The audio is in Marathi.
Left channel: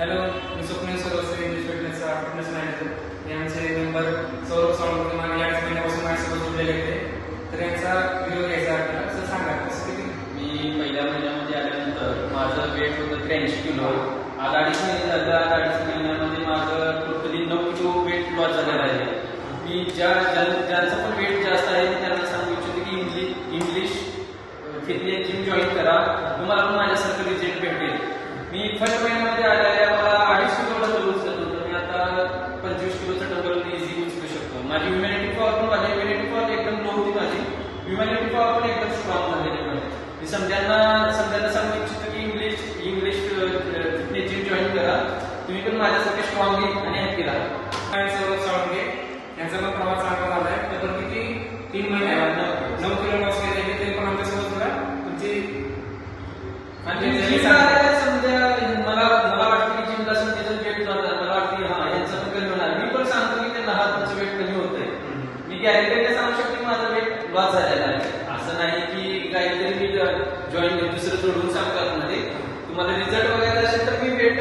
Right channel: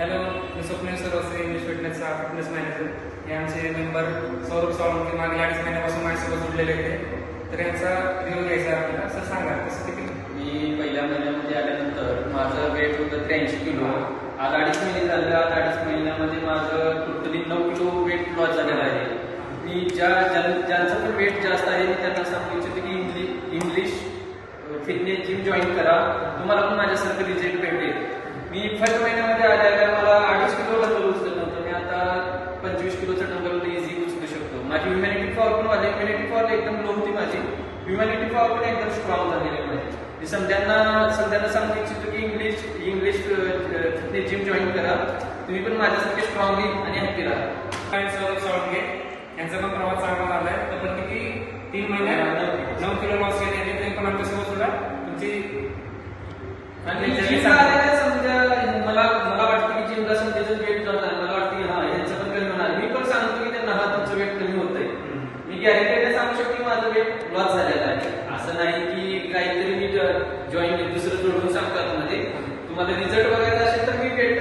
हॅलो, मी स्वप्नील सरोसे, इंग्लिश फिटनेसचा फिटनेस मॅनेजर. हे आमचे मेंबर सौरभ सावंत मागील 2.5 महिन्यापासून माझ्यासोबत जोडलेले होते. तर यांचा व्हिडिओ घ्यायचा आपल्याला. सर सांगा कसं किती? मी पहिल्या महिन्यामध्ये आल्यानंतर माझं वेट होतं 83 किलो. आज 2.5 महिने झालं. आज 2.5 महिन्यामध्ये माझं टोटली 9 किलो वेट लॉस झालेलं आहे. मी ज्यांचं पण वेट जास्त आहे त्यांना सांगू इच्छितो की इंग्लिश फिटनेस जिम जॉईन करा. तुम्हाला पण माझ्यासारखं रिझल्ट भेटेल. मी फर्स्ट महिन्यामध्ये आल्या मला 2.5 किलो डबल उचलत नव्हतं. मी आता 25 किलोचं डबल इझी उचलू शकतो. माझी ह्युमॅनिटी पॉवर पण माझी ह्युमॅनिटी पॉवर एकदम लो होती. माझी ह्युमॅनिटी पॉवर पण एकदम स्ट्रॉंग झालेली आहे. मी सगळ्यांना सांगू इच्छितो की इंग्लिश फिटनेस जिम जॉईन करा. तुम्ही पण माझ्यासाठी स्ट्रॉंगली आणि ऍक्टिव्ह राहा. सौरभ सावंगे यांचा पण प्रवास चांगला झालाय. पण किती 3 महिन्यात 9 किलो लॉस केले. ते पण आमच्यासोबत सुद्धा तुमची समजा मला वाटतं की जिमला त्याचं वेट करणार. मला वाटतं हा यांचं पण कमी होणार. मी पण सांगतो की त्यांना तुमचं वेट कमी होतंय. मी गॅरंटीने सांगू शकतो की माझं वेट लॉस झालेलं आहे. असं नाही की काहीतरी मी जॉईन दुसरं सोडून सांगतात. म्हणजे तुम्हाला रिझल्ट बघायचा असेल तर मी वेट